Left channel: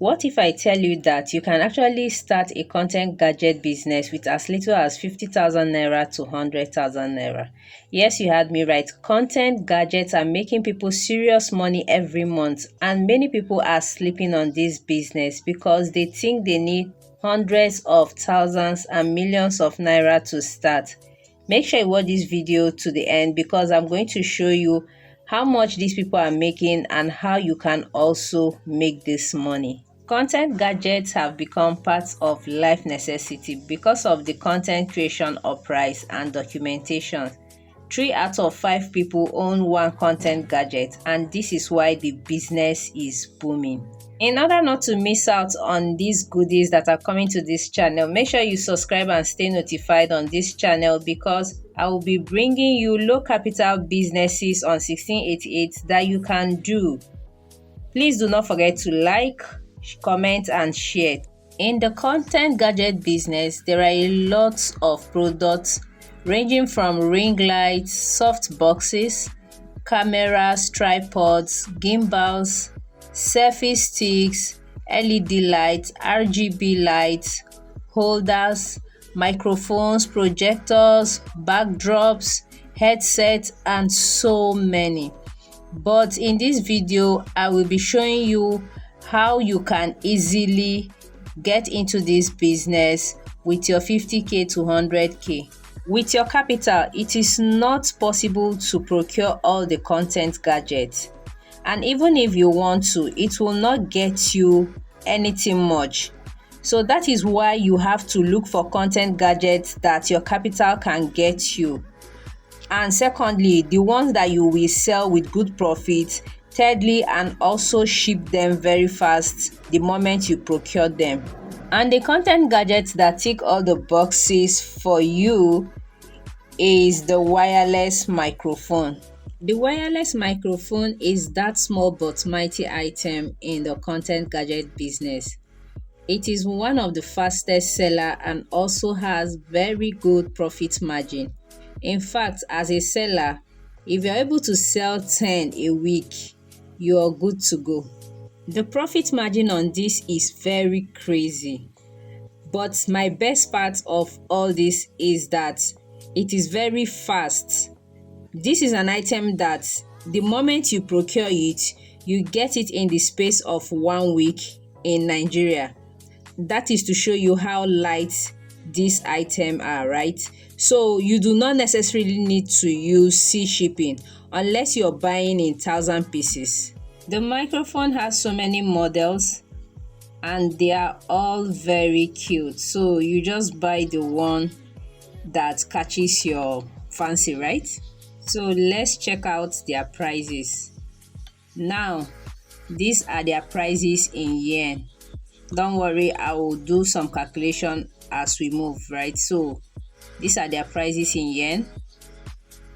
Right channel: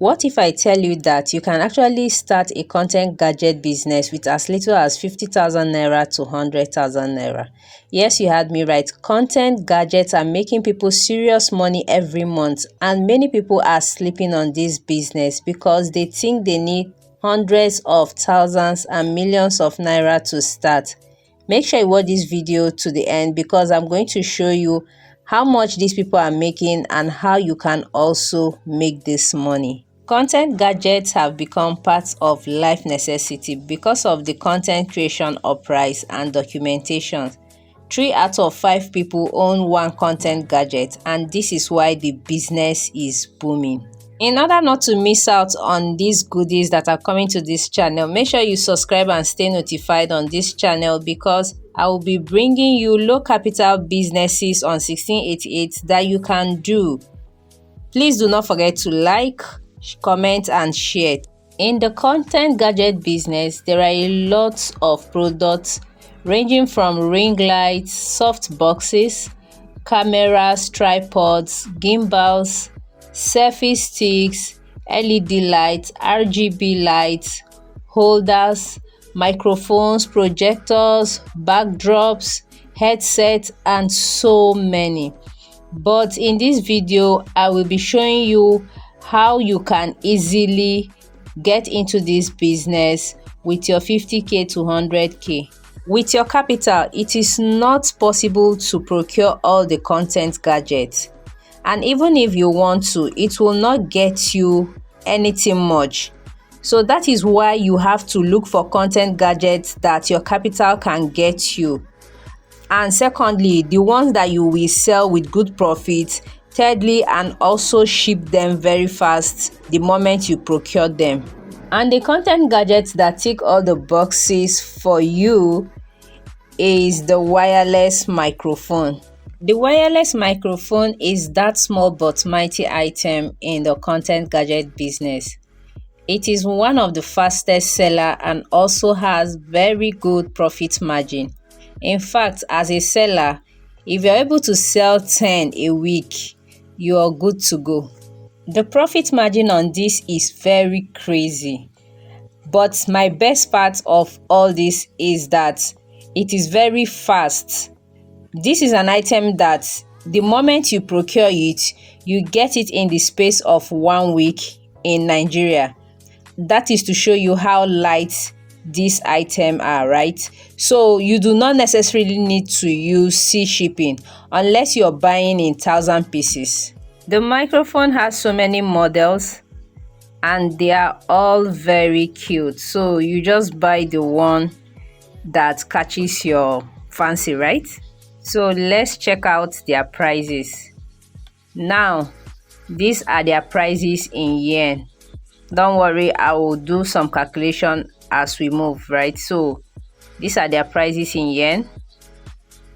What if I tell you that you can actually start a content gadget business with as little as 50,000 naira to 100,000 naira? Yes, you heard me right. Content gadgets are making people serious money every month, and many people are sleeping on this business because they think they need hundreds of thousands and millions of naira to start. Make sure you watch this video to the end because I'm going to show you how much these people are making and how you can also make this money. Content gadgets have become part of life necessity because of the content creation uprise and documentation. 3 out of 5 people own one content gadget, and this is why the business is booming. In order not to miss out on these goodies that are coming to this channel, make sure you subscribe and stay notified on this channel because I will be bringing you low capital businesses on 1688 that you can do. Please do not forget to like, comment and share. In the content gadget business, there are a lot of products ranging from ring lights, soft boxes, cameras, tripods, gimbals, selfie sticks, LED lights, RGB lights, holders, microphones, projectors, backdrops, headsets and so many. But in this video, I will be showing you how you can easily get into this business with your 50k to 100k. With your capital, it is not possible to procure all the content gadgets. And even if you want to, it will not get you anything much. So that is why you have to look for content gadgets that your capital can get you. And secondly, the ones that you will sell with good profit. Thirdly, and also ship them very fast the moment you procure them. And the content gadgets that tick all the boxes for you is the wireless microphone. The wireless microphone is that small but mighty item in the content gadget business. It is one of the fastest seller and also has very good profit margin. In fact, as a seller, if you're able to sell 10 a week, you are good to go. The profit margin on this is very crazy. But my best part of all this is that it is very fast. This is an item that the moment you procure it, you get it in the space of 1 week in Nigeria. That is to show you how light these items are, right? So you do not necessarily need to use sea shipping unless you're buying in 1,000 pieces. The microphone has so many models and they are all very cute. So you just buy the one that catches your fancy, right? So let's check out their prices. Now, these are their prices in yen. Don't worry, I will do some calculation as we move, right? So these are their prices in yen.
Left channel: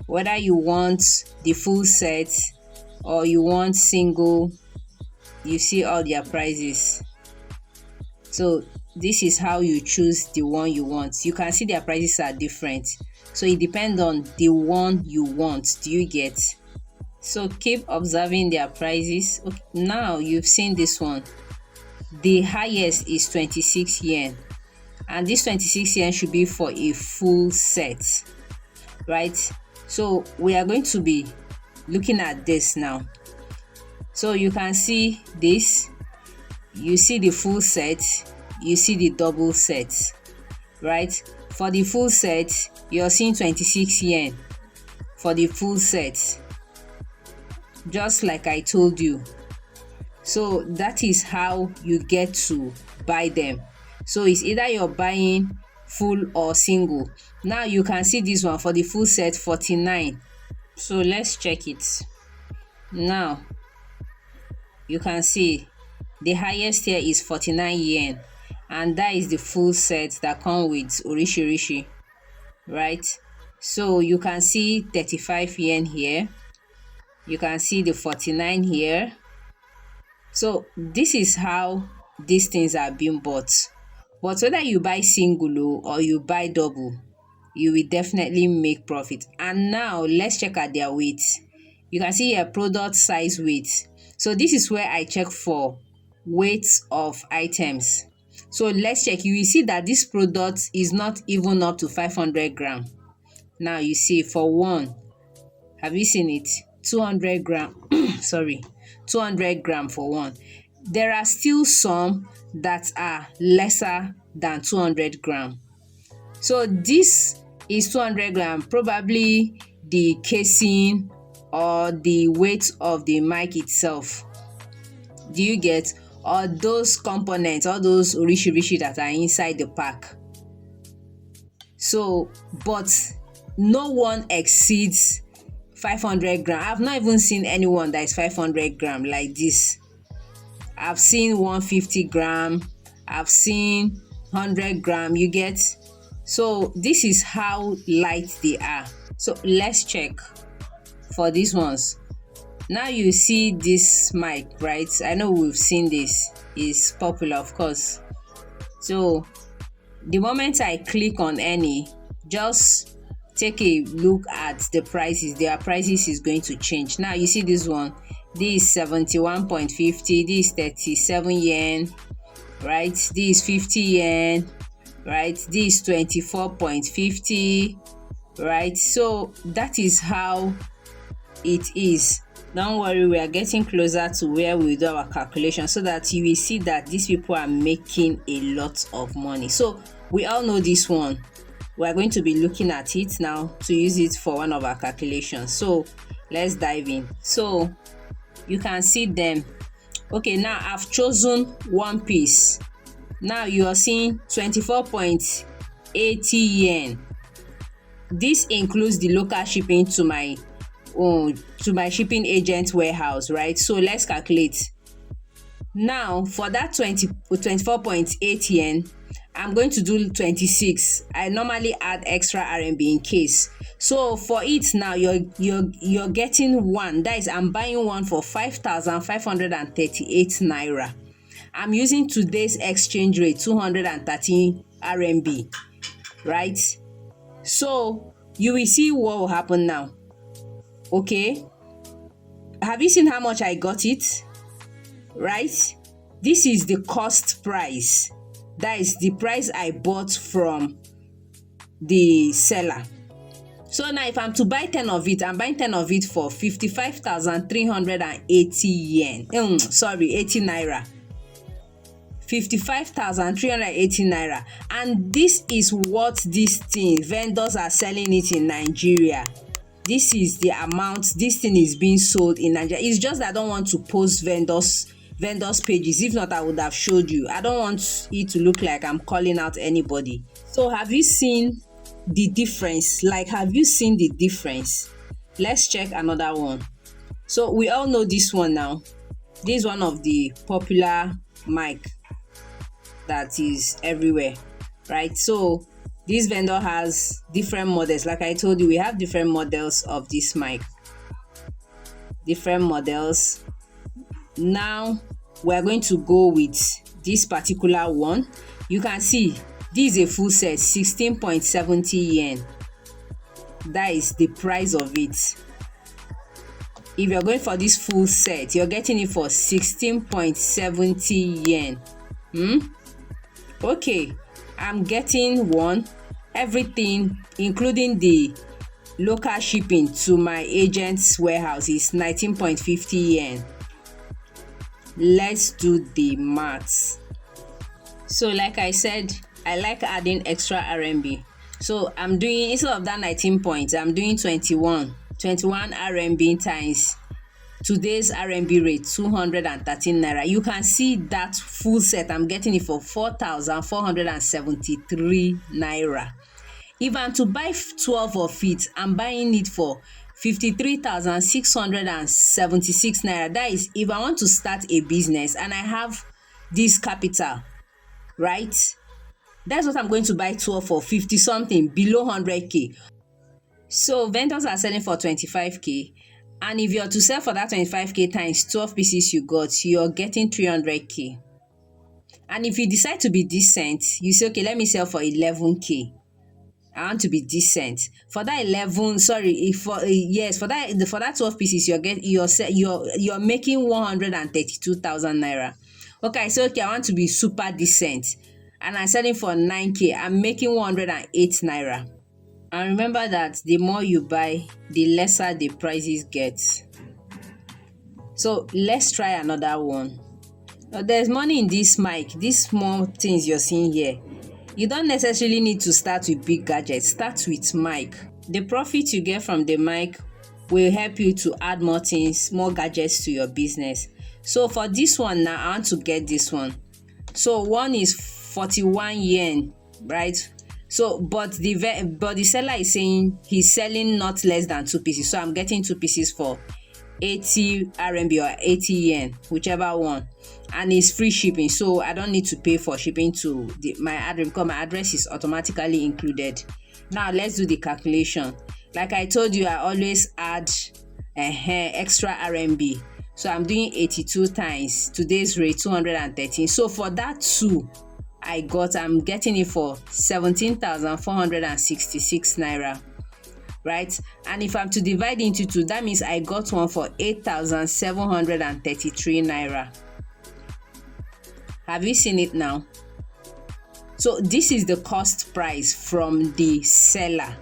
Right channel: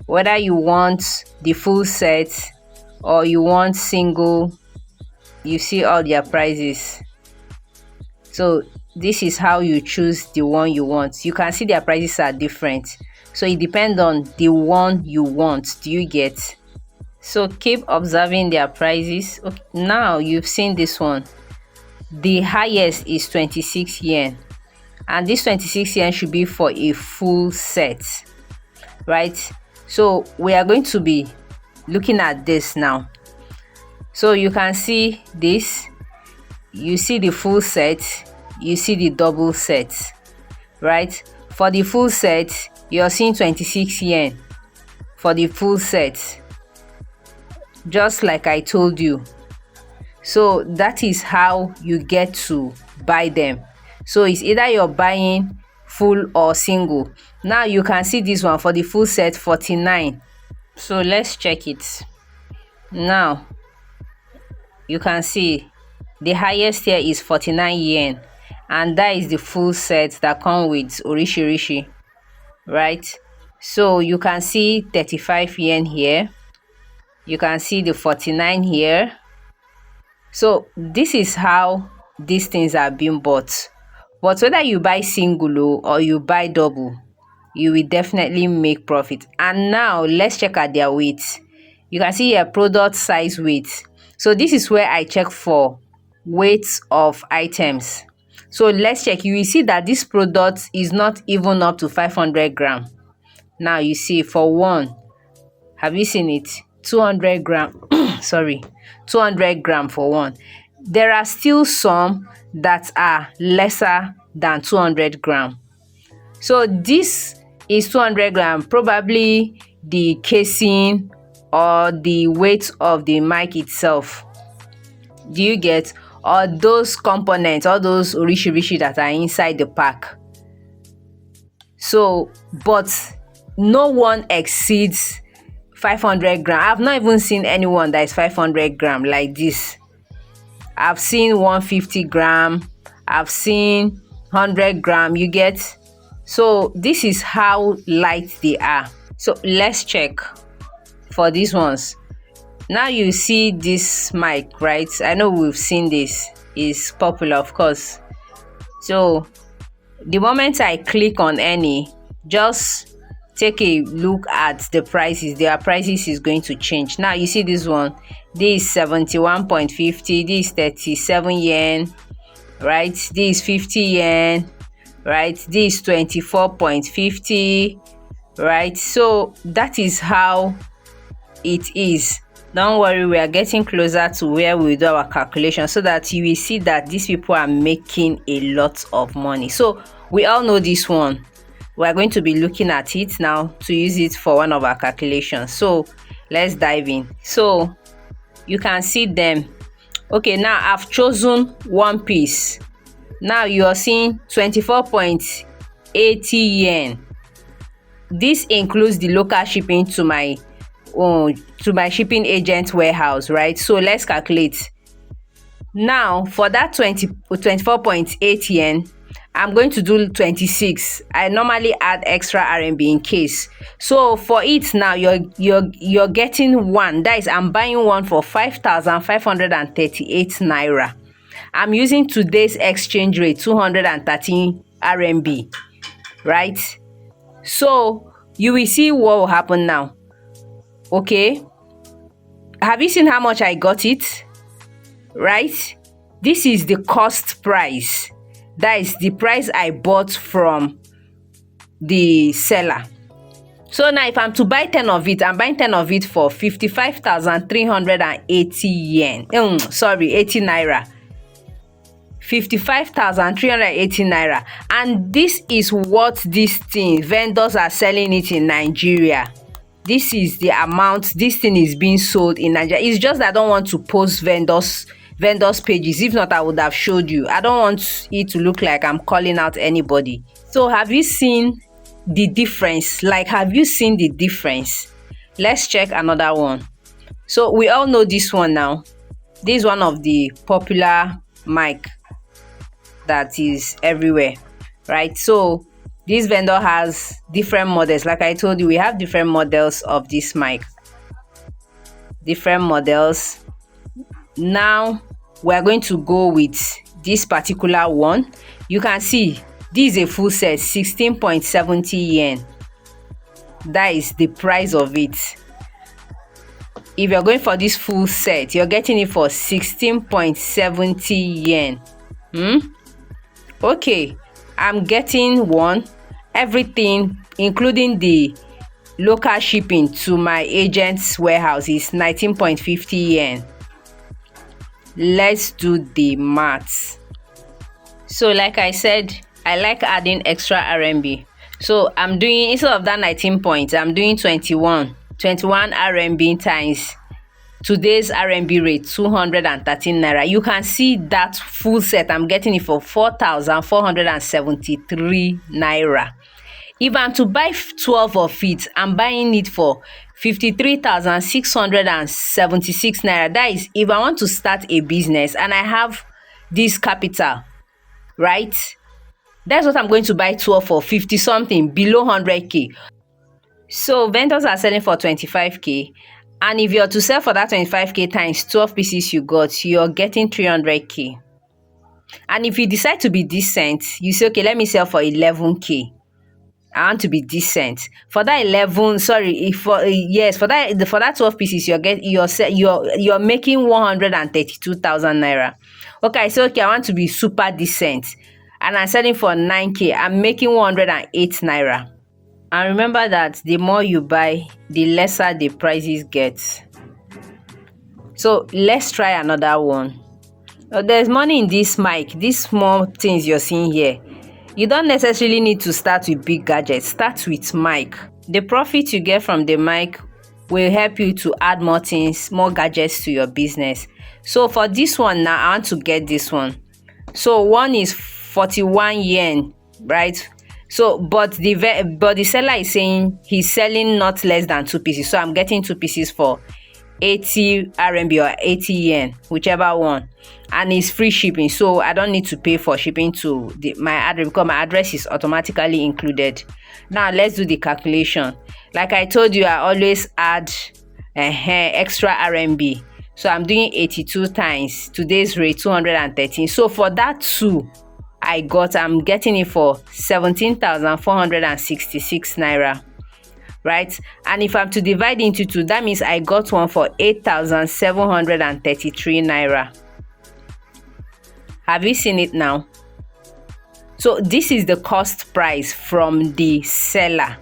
Whether you want the full set or you want single, you see all their prices. So this is how you choose the one you want. You can see their prices are different. So it depends on the one you want. Do you get? So keep observing their prices. Okay, now you've seen this one. The highest is 26 yen. And this 26 yen should be for a full set, right? So we are going to be looking at this now. So you can see this. You see the full set. You see the double set, right? For the full set, you're seeing 26 yen for the full set, just like I told you. So that is how you get to buy them. So it's either you're buying full or single. Now you can see this one for the full set, 49. So let's check it. Now you can see the highest here is 49 yen, and that is the full set that come with orishi, right? So you can see 35 yen here. You can see the 49 here. So this is how these things are being bought. But whether you buy single or you buy double, you will definitely make profit. And now let's check at their weight. You can see here product size weight. So this is where I check for weight of items. So let's check. You will see that this product is not even up to 500 gram. Now you see for one, have you seen it? 200 gram. Sorry, 200 gram for one. There are still some that are lesser than 200 gram. So this is 200 gram, probably the casing or the weight of the mic itself. Do you get? Or those components, all those rishi that are inside the pack. So, but no one exceeds 500 gram. I've not even seen anyone that is 500 gram like this. I've seen 150 gram. I've seen 100 gram. You get? So this is how light they are. So let's check for these ones. Now you see this mic, right? I know we've seen this. It's popular, of course. So the moment I click on any, just take a look at the prices. Their prices is going to change. Now you see this one. This is 71.50. This is 37 yen, right? This is 50 yen, right? This is 24.50, right? So that is how it is. Don't worry, we are getting closer to where we do our calculation so that you will see that these people are making a lot of money. So we all know this one. We are going to be looking at it now to use it for one of our calculations. So let's dive in. So you can see them. Okay, now I've chosen one piece. Now you are seeing 24.80 yen. This includes the local shipping to my shipping agent warehouse, right? So let's calculate. Now for that 24.8 yen, I'm going to do 26. I normally add extra RMB in case. So for it now, you're getting one. That is, I'm buying one for 5,538 naira. I'm using today's exchange rate, 213 RMB, right? So you will see what will happen now. Okay, have you seen how much I got it? Right? This is the cost price. That is the price I bought from the seller. So now if I'm to buy 10 of it, I'm buying 10 of it for 55,380 yen. 80 naira. 55,380 naira. And this is what this thing, vendors are selling it in Nigeria. This is the amount this thing is being sold in Nigeria. It's just that I don't want to post vendors pages. If not, I would have showed you. I don't want it to look like I'm calling out anybody. So have you seen the difference? Like, have you seen the difference? Let's check another one. So we all know this one now. This is one of the popular mic that is everywhere, right? So this vendor has different models. Like I told you, we have different models of this mic. Different models. Now we are going to go with this particular one. You can see this is a full set, 16.70 yen. That is the price of it. If you're going for this full set, you're getting it for 16.70 yen. Okay, I'm getting one. Everything, including the local shipping to my agent's warehouse, is 19.50 yen. Let's do the maths. So like I said, I like adding extra RMB. So I'm doing, instead of that 19 points, I'm doing 21 RMB times today's RMB rate, 213 naira. You can see that full set, I'm getting it for 4,473 naira. If I'm to buy 12 of it, I'm buying it for 53,676 naira. That is, if I want to start a business and I have this capital, right? That's what I'm going to buy 12 for, 50 something, below 100K. So vendors are selling for 25K. And if you're to sell for that 25K times 12 pieces you got, you're getting 300K. And if you decide to be decent, you say, okay, let me sell for 11K. I want to be decent. For that 11, sorry, for that 12 pieces, you're making 132,000 naira. Okay, I say, okay, I want to be super decent, and I'm selling for 9K. I'm making 108 naira. And remember that the more you buy, the lesser the prices get. So let's try another one. There's money in this mic. These small things you're seeing here, you don't necessarily need to start with big gadgets. Start with mic. The profit you get from the mic will help you to add more things, more gadgets to your business. So for this one now, I want to get this one. So one is 41 yen, right? So but the seller is saying he's selling not less than 2 pieces. So I'm getting 2 pieces for 80 RMB or 80 yen, whichever one, and it's free shipping, so I don't need to pay for shipping to my address, because my address is automatically included. Now let's do the calculation. Like I told you, I always add extra RMB, so I'm doing 82 times today's rate, 213. So for that two I'm getting it for 17,466 naira. Right? And if I'm to divide into two, that means I got one for 8,733 naira. Have you seen it now? So this is the cost price from the seller.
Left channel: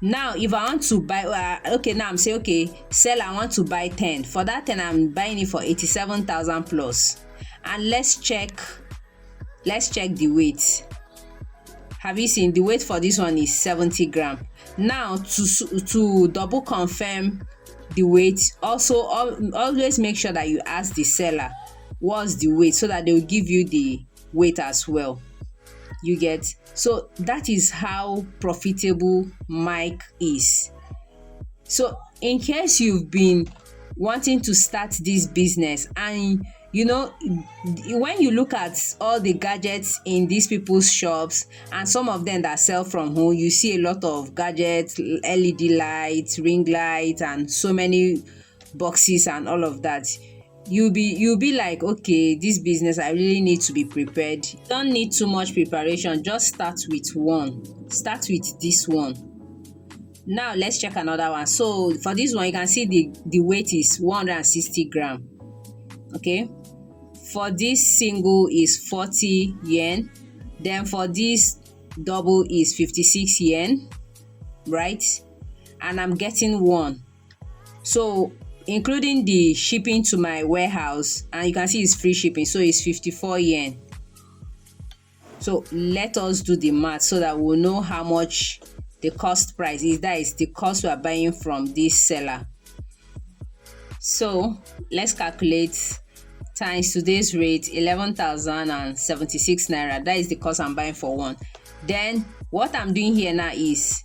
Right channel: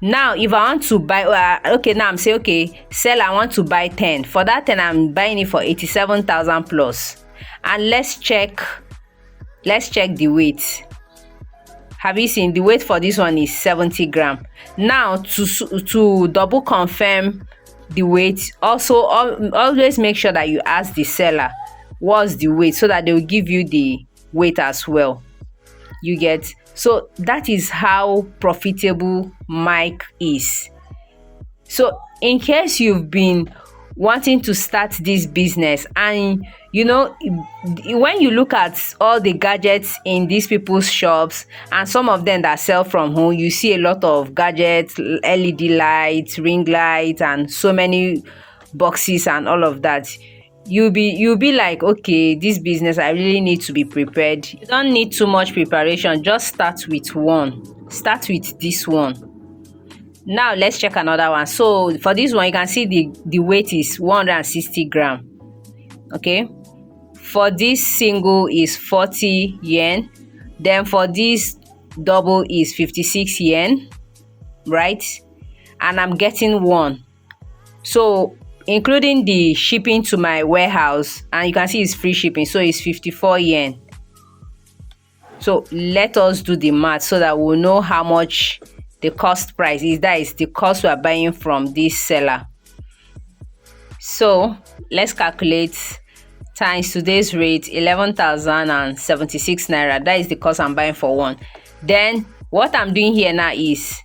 Now if I want to buy, okay, now I'm saying, okay, seller, I want to buy 10. For that 10, I'm buying it for 87,000 plus. And let's check the weight. Have you seen the weight for this one is 70 gram. Now to double confirm the weight, also always make sure that you ask the seller what's the weight, so that they will give you the weight as well. You get? So that is how profitable mic is. So in case you've been wanting to start this business, and when you look at all the gadgets in these people's shops and some of them that sell from home, you see a lot of gadgets, LED lights, ring lights, and so many boxes and all of that. You'll be like, okay, this business, I really need to be prepared. You don't need too much preparation. Just start with one. Start with this one. Now let's check another one. So for this one, you can see the weight is 160 gram. Okay, for this single is 40 yen. Then for this double is 56 yen, right? And I'm getting one. So including the shipping to my warehouse, and you can see it's free shipping, so it's 54 yen. So let us do the math so that we'll know how much the cost price is. That is the cost we are buying from this seller. So let's calculate times today's rate, 11,076 naira. That is the cost I'm buying for one. Then what I'm doing here now is,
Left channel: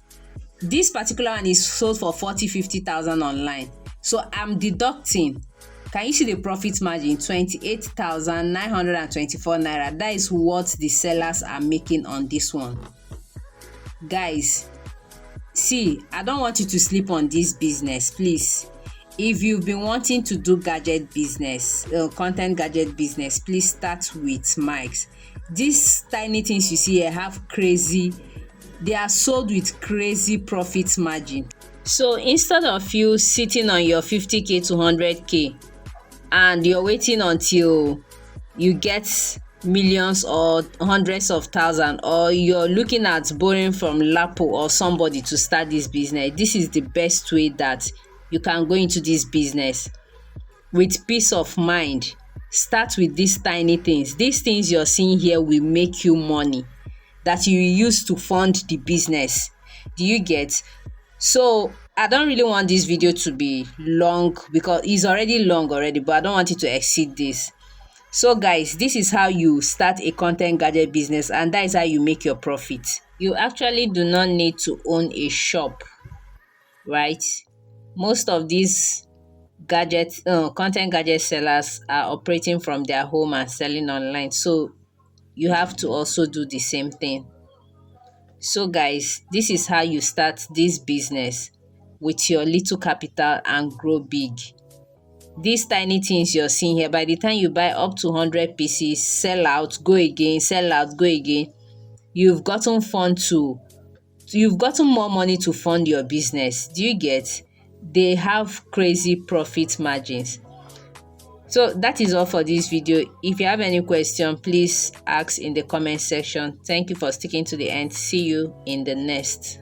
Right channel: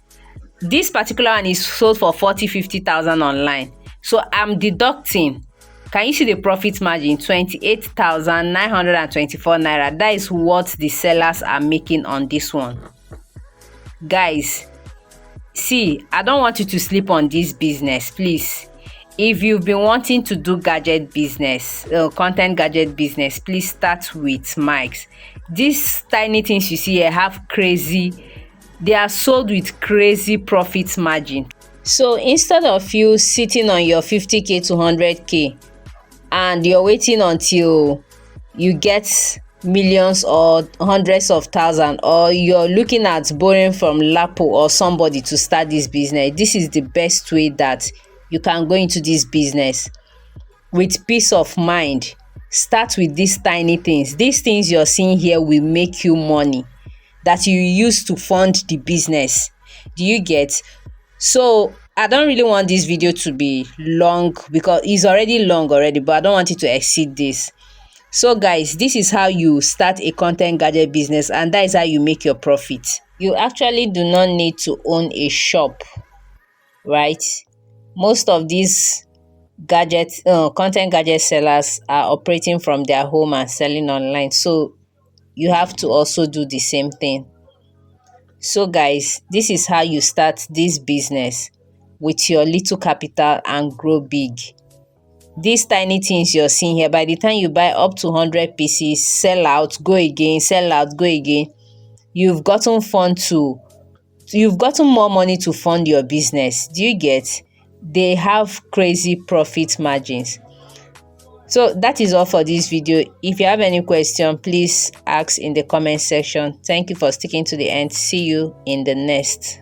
this particular one is sold for 50,000 online. So I'm deducting, can you see the profit margin? 28,924 naira. That is what the sellers are making on this one. Guys, see, I don't want you to sleep on this business, please. If you've been wanting to do gadget business, content gadget business, please start with mics. These tiny things you see here they are sold with crazy profit margin. So instead of you sitting on your 50K to 100K and you're waiting until you get millions or hundreds of thousands, or you're looking at borrowing from Lapo or somebody to start this business, this is the best way that you can go into this business with peace of mind. Start with these tiny things. These things you're seeing here will make you money that you use to fund the business. Do you get? So I don't really want this video to be long, because it's already long, but I don't want it to exceed this. So guys, this is how you start a content gadget business, and that is how you make your profit. You actually do not need to own a shop, right? Most of these content gadget sellers are operating from their home and selling online, so you have to also do the same thing. So guys, this is how you start this business with your little capital and grow big. These tiny things you're seeing here, by the time you buy up to 100 pieces, sell out, go again, sell out, go again, you've gotten more money to fund your business. Do you get? They have crazy profit margins. So that is all for this video. If you have any question, please ask in the comment section. Thank you for sticking to the end. See you in the next.